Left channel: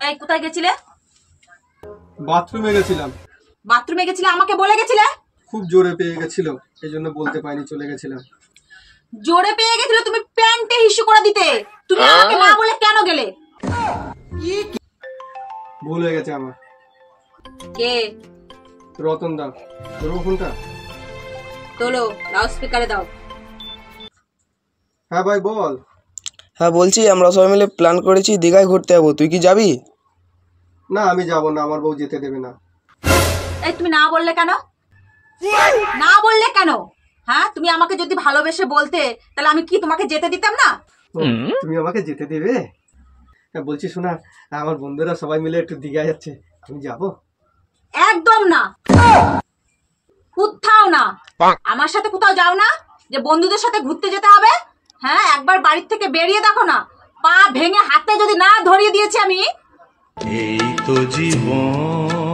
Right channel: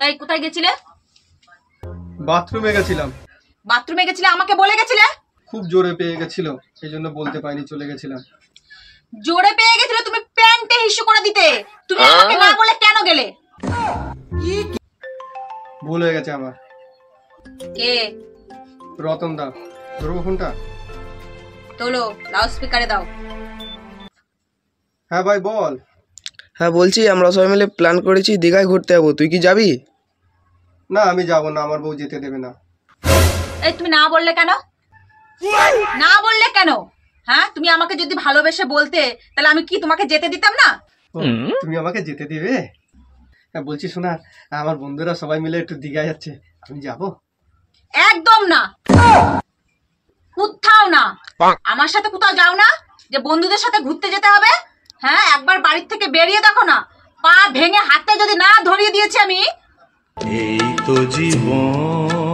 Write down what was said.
এই কোথায় গেছিলে? বাথরুমে গেছিলাম। বাথরুমে গেছিলে, আমাকে বলে গেছিলে? খুব জোরে পেয়ে গেছিল, এই জন্য বলতে পারিনি, চলে গেছিলাম। জোরে পেয়ে গেছিল, তুমি প্যান্টে হিসু করে দিতে। তুমি আমাকে না বলে কেন গেলে? ভুল হয়ে গেছে আমার। কে? রতন দা। তোর ফোনটা তোলো, লাউড স্পিকারে দাও। হ্যাঁ ভাই বল। হ্যাঁ বলছি, আমরা সবাই মিলে প্ল্যান করেছি দীঘায় ঘুরতে যাবো, তুই কি যাবি? না আমি যাব না, আমার বউ যেতে দেবে না। এই তুমি না বললে কেন? না বললে কেন? হ্যাঁ, তুমি আমাকে যদি ভালোবেসে বলতে তাহলে আমি কি তোমাকে যেতে দিতাম না? ও, তুমি আমাকে যেতে দেবে? হ্যাঁ বলছি শোনা, আমার বন্ধুরা সবাই মিলে একটু দীঘা যাচ্ছে, আমি যাব। একদম না, কোথাও না। আমার সাথে কোথাও যাও না যে বন্ধুদের সাথে ঘুরতে যেতে হবে। হ্যাঁ, একবার বাড়ির থেকে বেরিয়ে দেখো না, পা ভেঙে হাতে যদি না ধরিয়ে দিয়েছি আমি। এই তো জীবন।